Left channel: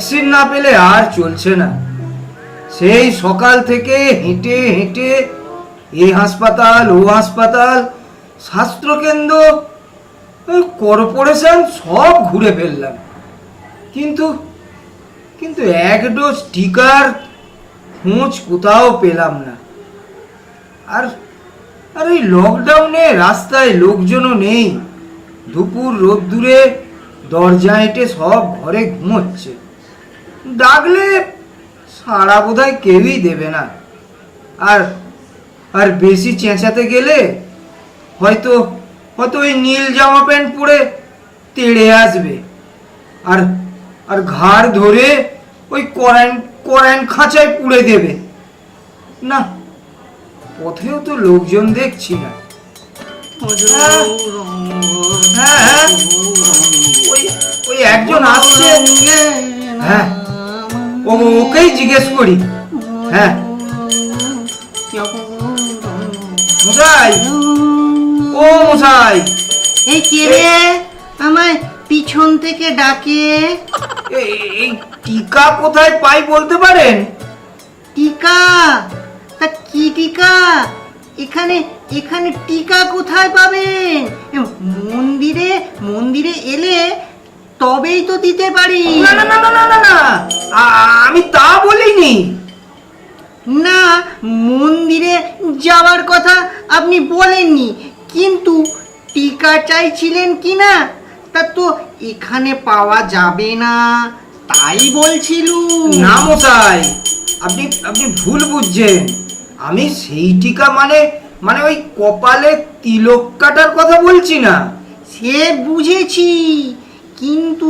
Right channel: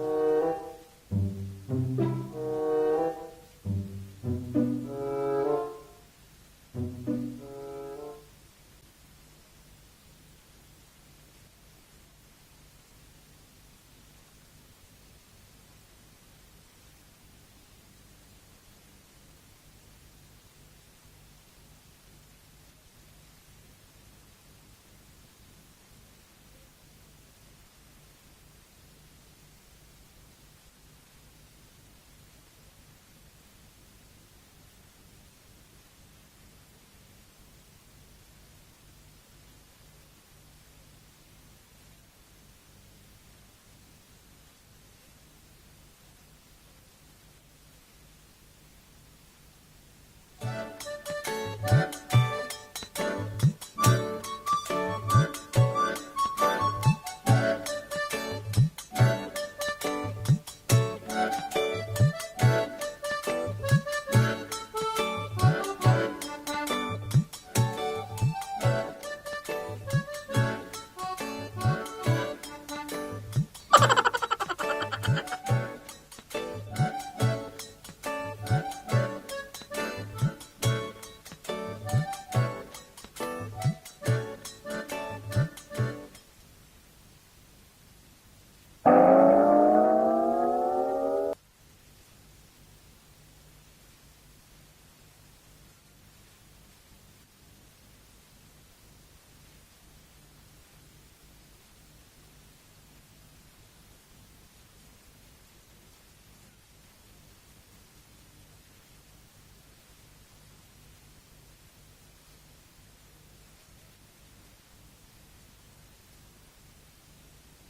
Vaccine না পেলে আর চলছে না। সেই সকাল থেকে হেঁটে হেঁটে এই হাসপাতাল ও হাসপাতাল, স্বাস্থ্যকেন্দ্র, কর্পোরেশন সব ঘুরে ফেললাম, কিন্তু কিন্তু এক ডোজ টিকার খোঁজ কোথাও পেলাম না। আর আর এই লকডাউনে রাস্তায় লোকজনও নেই। দুপুর রোদ্দুরে দরজা হেঁটে সব ঘরে ঘুমোচ্ছে। ডাকলে সাড়া বোধহয় কেউই দেবে না। আর আর বেশি চেঁচাতে গেলে হয়তো হয়তো ওই নীল জামা প্যান্ট পরে তেড়ে আসবে, আর আর ঘাড় ধরে ওই করেন খাঁচায় পুড়ে দেবে। না, পথেও তো লোকজন দেখছি না। হ্যাঁ হ্যাঁ, ওই ওই একজন আসছে। হ্যাঁ, ওকেই জিজ্ঞেস করি। হ্যাঁ, মশাই, ও মশাই। এই কে রে আমায় পিছন থেকে ডাকে? এই টিকা কোথায় পাই বলতে পারেন? টিকা? তা কি টিকা? এখানে এখানে টিকা কোথায় পাবেন? মন্দিরে মন্দিরে এলে তবেই তো দিতে পারি। না না না না না না না, আমি তা বলিনি। না, মন্দিরে যাওয়ার কথা আপনি বলেননি, কিন্তু টিকা চাইছিলেন কি না তা তো এখানে পাওয়া যাবে না, তাই বলছিলুম। না মশাই, আপনি আপনি ভুল বুঝছেন। আমি সেই টিকা মানে মানে ওই কপালে তিলক কাটার কথা বলছি না। সে বুঝেছি, কিন্তু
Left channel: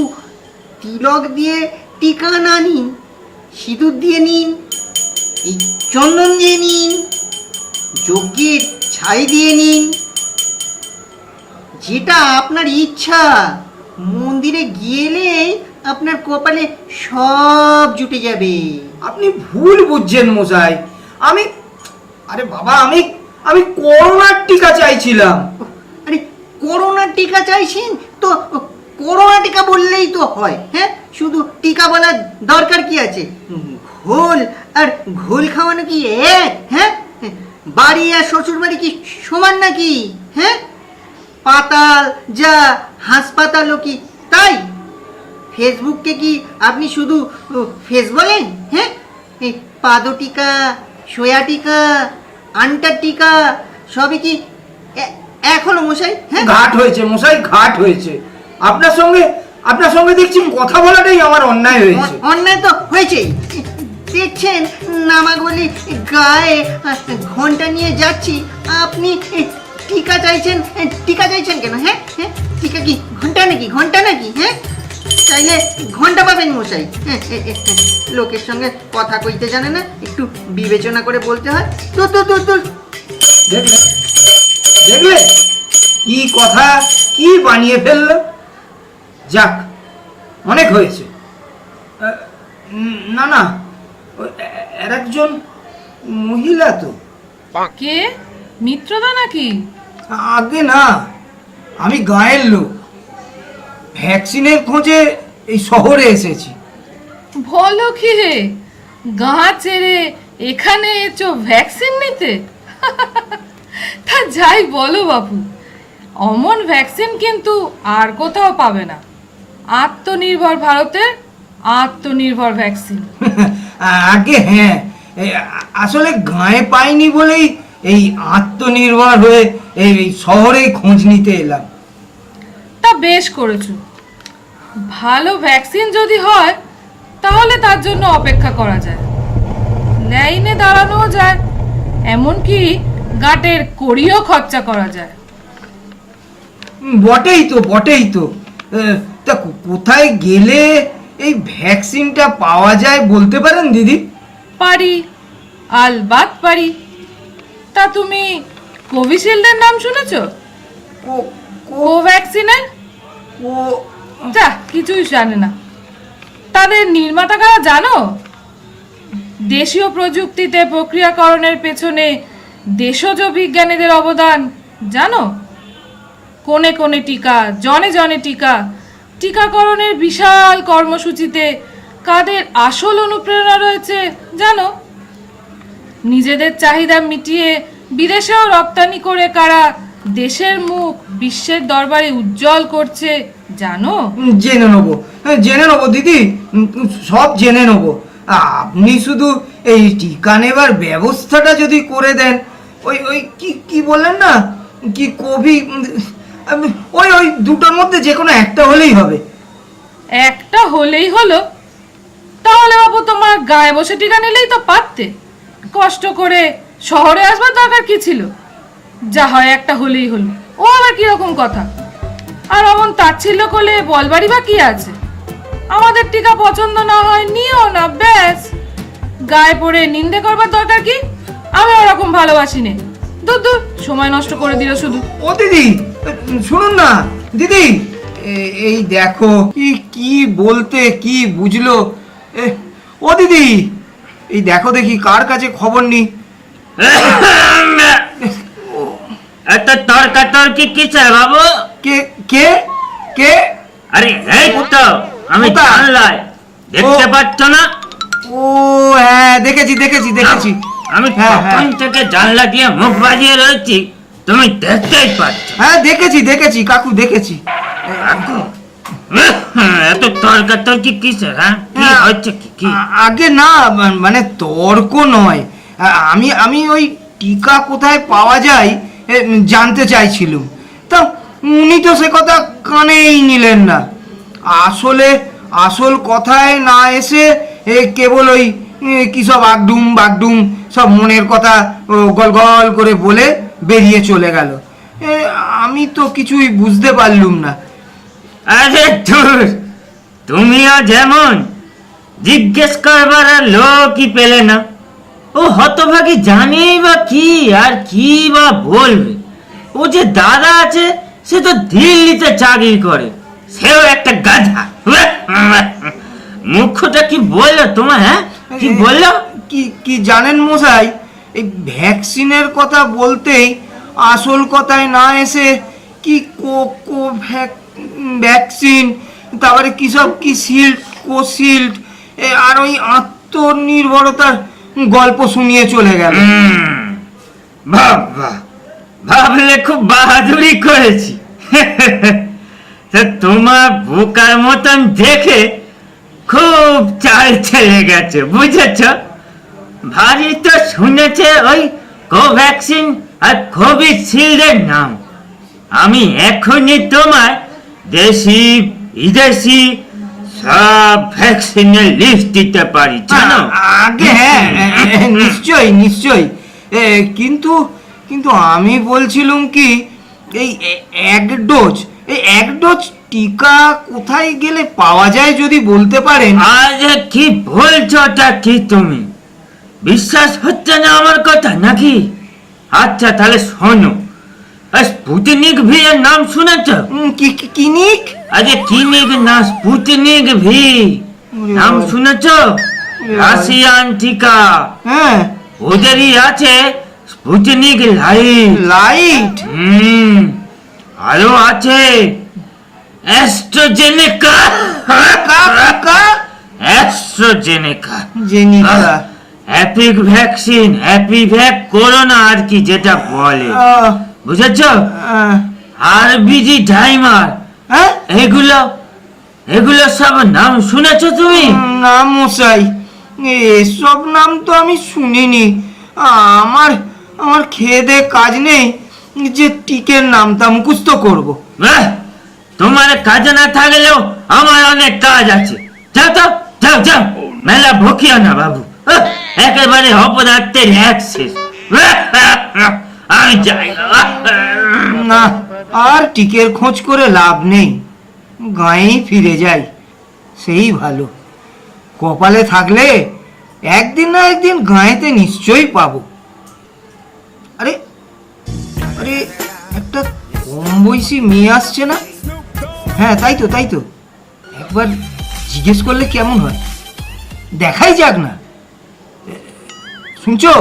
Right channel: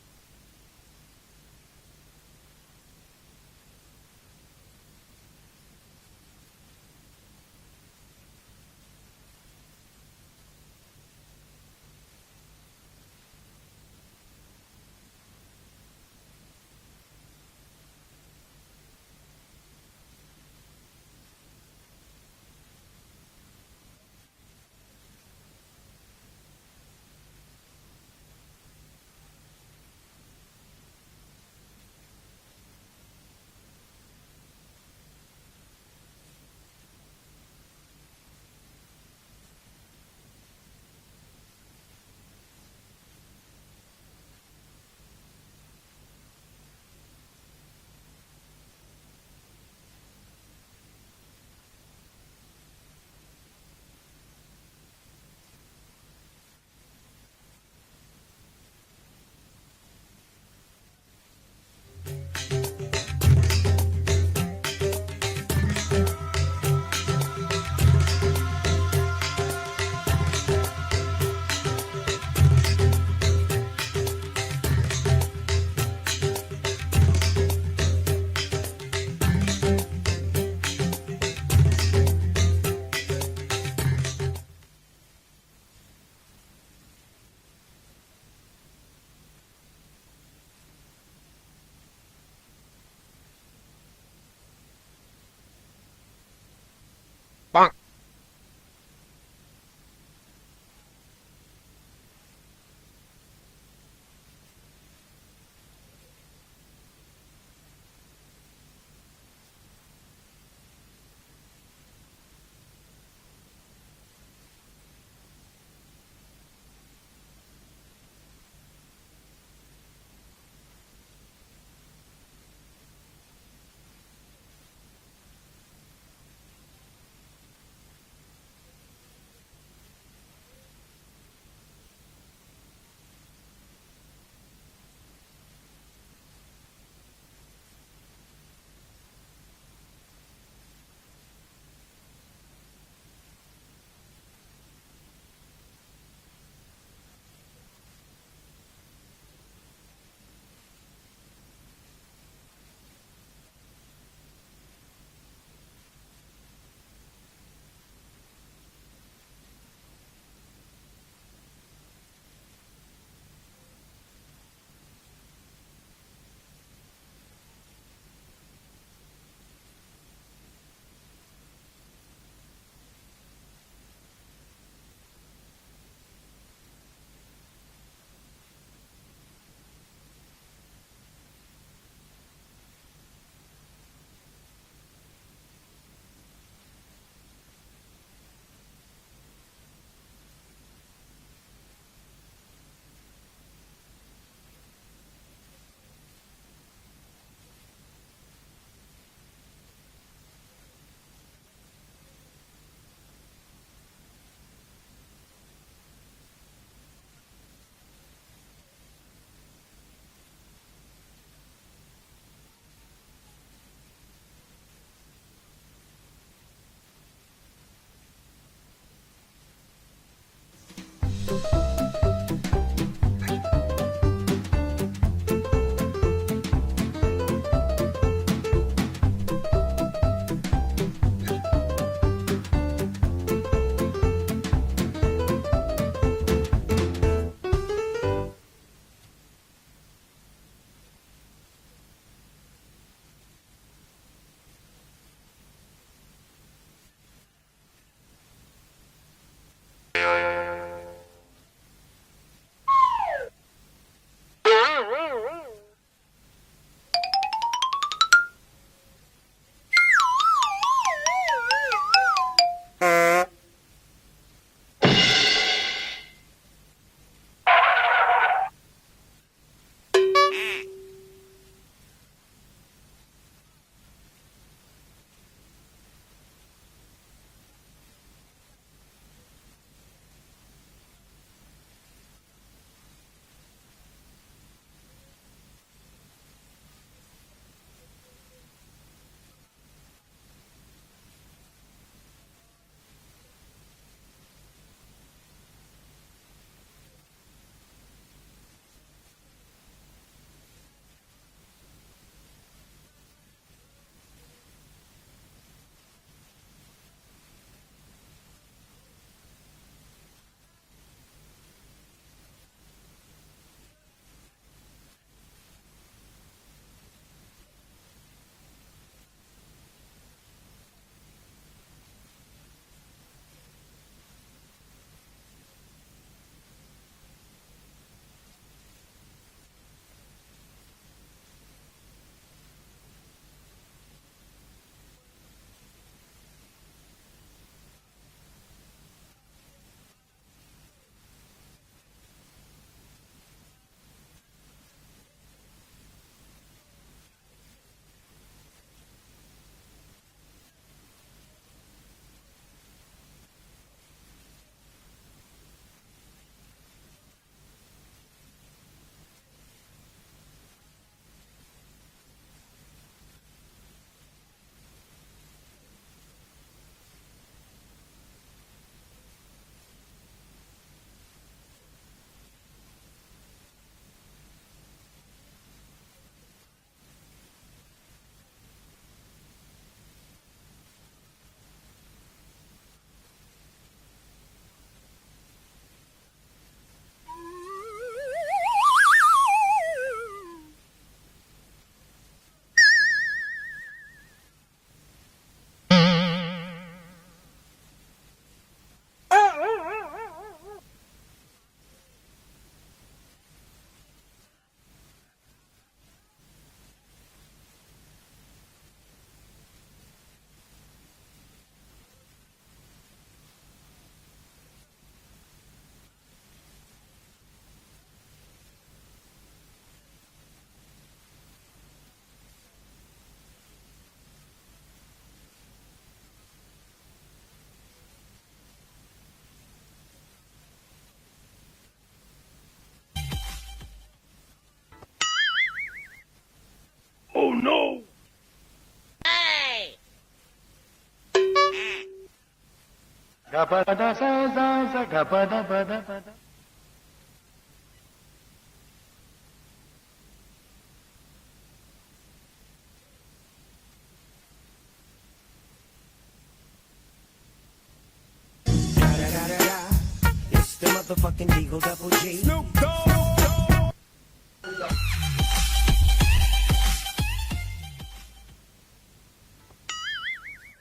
তিলক দিয়ে টিকা না নিন, সিঁদুর দিয়ে নিন, এই চন্দন দিয়ে নিন, যজ্ঞের ছাই দিয়ে নিন, যেটা আপনার ইচ্ছা। মন্দিরে গেলে আপনার কপালে সব জুটে যাবে। আপনি ভুল বুঝছেন মশাই। আমি, আরে বাবা, আমি আমি করোনার টিকা চাইছিলাম। আরে করোনার টিকা চাইছেন তো করোনা টিকা বললেই তো হয়। হ্যাঁ, শুধু টিকা বলার দরকার কি আছে? ঘোল আর ঘোল খাওয়ানো কি এক? হ্যাঁ, বাড়ি আর শ্বশুর বাড়ি কি সমান নাকি? হ্যাঁ, পাতাল যা হাসপাতালও কি তাই? ফেসবুককে কি আপনি শুধু ফেস বলেন? হ্যাঁ, এই পাদো টিকা, সোয়া টিকা, আন্টার টিকা সবই কি এক হলো মশাই? হ্যাঁ, ঘাট হয়েছে মশাই, ঘাট হয়েছে। আপনার সঙ্গে দেখছি কথা বলাটাই আমার অন্যায় হয়েছে। অন্যায় তো হয়েছে। দেখছেন নামাগ বলি গায়ে ঘন্টা নিয়ে যাচ্ছি, আপনি টিকা চাইছেন। টিকা চাইছেন কেন? হ্যাঁ হ্যাঁ, টিকা কি ঘন্টা নাকি? ঘন্টা নাকি? হ্যাঁ, চাইলে ঘন্টা পাবেন মশাই। লোকের সঙ্গে কথা কইতে জানে না, একটু বিবেচনা করে বলতে হয়। তো তো তো তো দেখলে দেখলে কি কথা, কি বানিয়ে ফেললো। যাক, অনেক হয়েছে। না না, এর একজন মহিলা তো। কে? মিত্রদা নাকি? আগে না, আমি গাঁয়ের লোক। ভ্যাকসিনের খোঁজে এই শহরে এসেছি। বলো কি হে, গাঁ ছেড়ে এখানে এসো ভ্যাকসিন নিতে? তা যাই বলো বাপু, অমন ভ্যাকসিন কিন্তু আর কোথাও পাবে না। আত্মনির্ভর ভারতের আত্মনির্ভর ভ্যাকসিন। আগে হ্যাঁ, আসলে গাঁয়ে পাইনি বলেই এই আত্মনির্ভর হয়ে এই শহরে খোঁজ নিতে এলাম। তা বেশ করেছো। ভালো ভ্যাকসিন যদি হয় তাহলে তার জন্য অপেক্ষা করা যায়, লাইনে দাঁড়ানো যায়, এমনকি গাটের কড়িও খরচা করা যায়। বটেই তো, বটেই তো। তা কোথায় গেলে এই ভ্যাকসিনটা পাওয়া যায় বলতে পারেন দিদি? পারি, আলবাত পারি। তা তুমি কোভিশিল্ডের নাম শুনেছো? কোভ্যাক্সিনের? যা, কিছুই জানে না। তাদের নির্মাতা কারা জানো? দেশীয় প্রযুক্তিতে প্রক্রিয়াকরণের পেছনে দেশজ বিজ্ঞানীদের অবদান জানো? কোণে কোণে টিকা, জনে জনে টিকা, টিকাকরণের বিশাল কর্মসূচিতে কাদের আসল অনুপ্রেরণা রয়েছে জানো? নিজেদের চাহিদা মিটিয়ে বিদেশেও রপ্তানি করে কারা দেশের মুখ বিশ্বের দরবারে উজ্জ্বল করছে জানো? জেনে নেবো দিদি, সব জেনে নেবো। আপনি শুধু এই টিকা নেবার ব্যবস্থাটা যদি করে দেন, ওই ওই কি কি বললেন না, কি কোভিড, ওই ওই দুটোর মধ্যে যে কোনো একটা হলেই হবে। একটা হলেই হলো? তাহলে বাবু তোমার গায়ে বসে টিকা নিলেই তো পারতে, কষ্ট করে শহরে আসবার দরকার কি ছিল? যা হয় একটা হলেই হলো, ও আবার কিরকম কথা? আর অমন তাচ্ছিল্য করলে বলবারই বা কি আছে? আমাদের টিকা পছন্দ না হয় নিও না, ব্যাস। গায়ে পড়ে নিন্দে করবার দরকার কি? আমি ওরকম ভালোবাসি নে। দূর দূর, সময় নষ্ট করে দিল শুধু। ও দিদি শুনুন না, দিদি এই দেখো কি কি বলতে কি বুঝলো। ও দিদি এই দেখো দেখি কার কাছে খবর নি। এত তর্কাতর্কি কিসের বাবু? কে কে কে? আরে এই তো আমি কোথায়? জানলাই, দেখতে পাচ্ছ না? ও হ্যাঁ, দেখেছি দেখেছি দেখেছি। আমি হ্যাঁ, তখন থেকে জানলা দিয়ে মুখ বাজিয়ে রয়েছি, তুমি দেখতেই পাচ্ছ। হ্যাঁ দেখেছি দেখেছি কাকু দেখেছি। এত তর্কাতর্কি কিসের? হ্যাঁ কি হ্যাঁ, হচ্ছে কি? আগে না, মানে তর্ক নয়, আমি আমি ওই টিকা কোথায় পাওয়া যায় জানতে চাইছিলাম। তা উনি তো সে কথা কানেই নিলেন না। আসলে আসল কথায় না এসে কেবল ওই কি সব আগডুম বাগডুম সব মনের কথা গল গল করে বলে বেরিয়ে চলে গেল। আমি তো কিছুই বুঝতে পারলুম না। আরে ধুর, তুমিও যেমন জিজ্ঞেস করবার আর লোকই পেলে না। ও হতভাগী জানেই বা কি আর কি বা বলবে? ও যে দাদা আছে সে তো দিল্লিতে চাকরি করে, সেও একটা গাধা। মুখটা কি বললো তোমার? হ্যাঁ কি বললো? কি কি জানেন মশাই, এই ভ্যাকসিনের কথা বলতেই আসল কথায় না এসে কি ভ্যাকসিন, তারপরে কি সব কি শিল্ড কোশিল্ড আর ওই আত্মনির্ভরতার গল্প শুনিয়ে চলে গেল। বাবা, ভাবলে খুব বাহাদুরি করেছি। তা তোমার বোকার মতন দেখে খুব চাল চলে গেছে, বুঝেছ? ভারী তো শুনেছে ওই কোভ্যাক্সিন আর কোভিশিল্ডের নাম। আমি এখনই তোমার দেশি বিদেশি সব ভ্যাকসিনের লিস্ট দিতে পারি, জানো? আগে হ্যাঁ নিশ্চয়ই নিশ্চয়ই, কিন্তু কিন্তু আমি বলছিলাম কি, এই এক ডোজ টিকা কোথায় গেলে পাওয়া যায় যদি বলতে পারেন। আরে কি বলছোটা কি তুমি? বিশ্বাস হচ্ছে না আমার কথা নাকি? আচ্ছা তাহলে শোনো, স্পুটনিক ভি এর নাম শুনেছ? কিনিক? আরে কিনিক না, স্পুটনিক ভি নাম শুনেছ? রাশিয়ান টিকা। হ্যাঁ ওদেরই আছে স্পুটনিক লাইট। লাইট? আরো আছে AstraZeneca. AstraZeneca জেনিকা। Haptic vaccine, হ্যাপিভ্যাক corona আর কি যেটা বলে, বুঝেছ? আর বিজি ডাইমার, হ্যাঁ এগুলো এগুলো সব নাম শুনেছ তুমি? না মশাই, এসব নাম তো আমি শুনিনি। আমার আমার খেয়ে দে কাজ নেই যে টিকের নামটা মুখস্থ করবো। তোমার কাজ না থাকলেও আমার অনেক কাজ আছে। যাও তো, যাও যাও, মেলা ভকিও না বাবু, একেবারে অপদার্থের অ্যাক্সেস। আমি যাই না, আর টিকের খোঁজ করে লাভ নেই, গাঁয়েই ফিরে যাই, সেই ভালো। কপালে থাকলে একদিন না একদিন গাঁয়েতে নিশ্চয়ই পাবো। আরে আরে একটা কম বয়সী মেয়ে আসছে না? হ্যাঁ তাই তো তাই তো, একবার জিজ্ঞেস করলে কেমন হয়, দেখাই যাক না। শুনছো?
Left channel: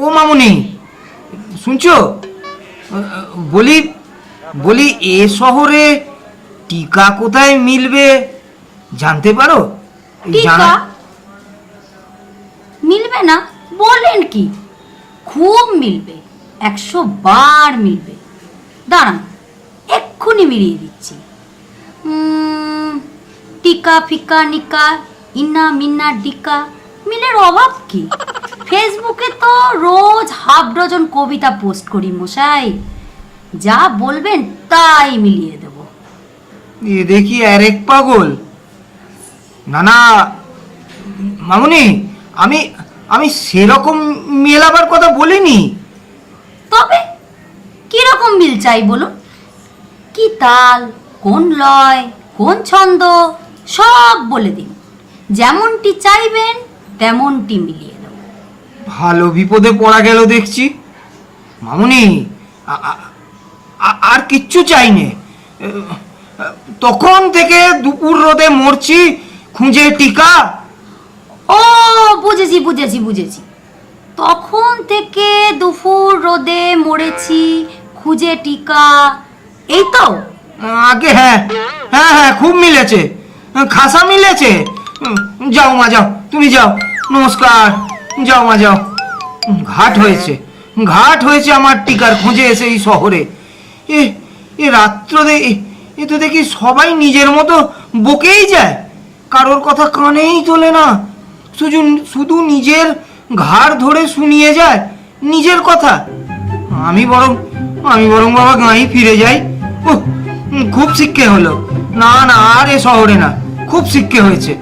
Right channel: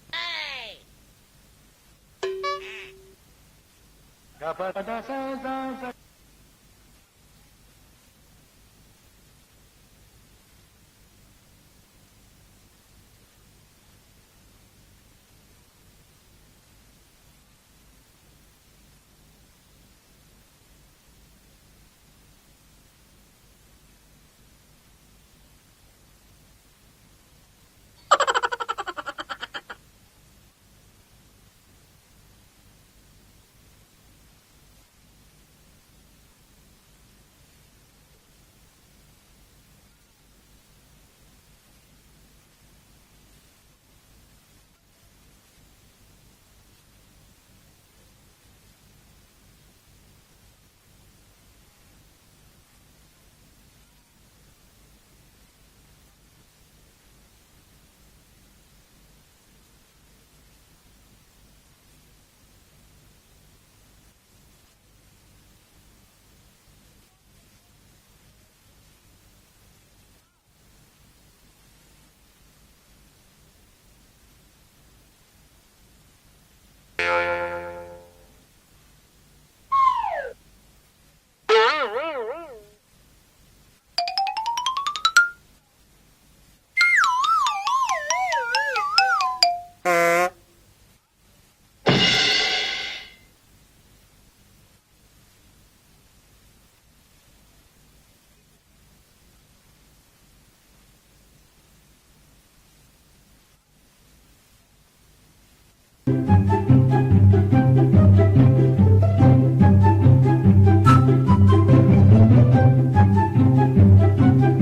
ও মামুনি, শুনছো? বলি বলি এ শহরে টিকা কোথায় মিলবে জানতে পারো? টিকা মিলবে না বলেন কি? খুব মিলবে, 100 বার মিলবে। দাঁড়ান, এক্ষুনি মিলিয়ে দিচ্ছি। টিকা ফিকা নিকা ইন্না মিন্না ডিকা, মিলের অভাব কি? ফেসবুকে তো রোজ হাফ ডজন কবিতা পোস্ট করি মশাই, যা বলবেন তাই মিলিয়ে দেব। এ দেখি আরেক পাগল। না না মামুনি, আমি আমি সেরকম মেলাবার কথা বলিনি। তবে কিরকম মিল চাই বলুন? কি তাল, কোন লয়, কোন ছন্দ, সব বলে দিন। যেমনটি চাইবেন তেমনটি মিলিয়ে দেব। ভালো বিপদে পড়া গেল দেখছি। মামুনি, আর কিচ্ছু চাইনে। তখন থেকে দুপুর রোদে মরছি খুঁজে টিকা। ও বুঝেছি বুঝেছি বুঝেছি। তখন থেকে দুপুর রোদে মরেছি খুঁজে টিকা, এই তো? আগে হ্যাঁ হ্যাঁ হ্যাঁ, খুব মিলেছে, খাসা মিলেছে। যাও মা যাও, তুমি যাও, নমস্কার। যাও মা যাও। ঘাট হয়েছে, ঘাট হয়েছে আমার টিকার খোঁজে এসে এই শহরে। এ রাত্র এ তো দেখি সবাই নিজের মতো বকেই যায়, কারোর কথা কানেই তোলে না, শুধু নিজের ঘাড় ধরে শুনিয়ে যায় নিজের কথা। আমি বরং বাবা গাঁই ফিরে যাই। খুব শিক্ষে হলো। না না, আর এ শহরে না, খুব শিক্ষে হয়েছে।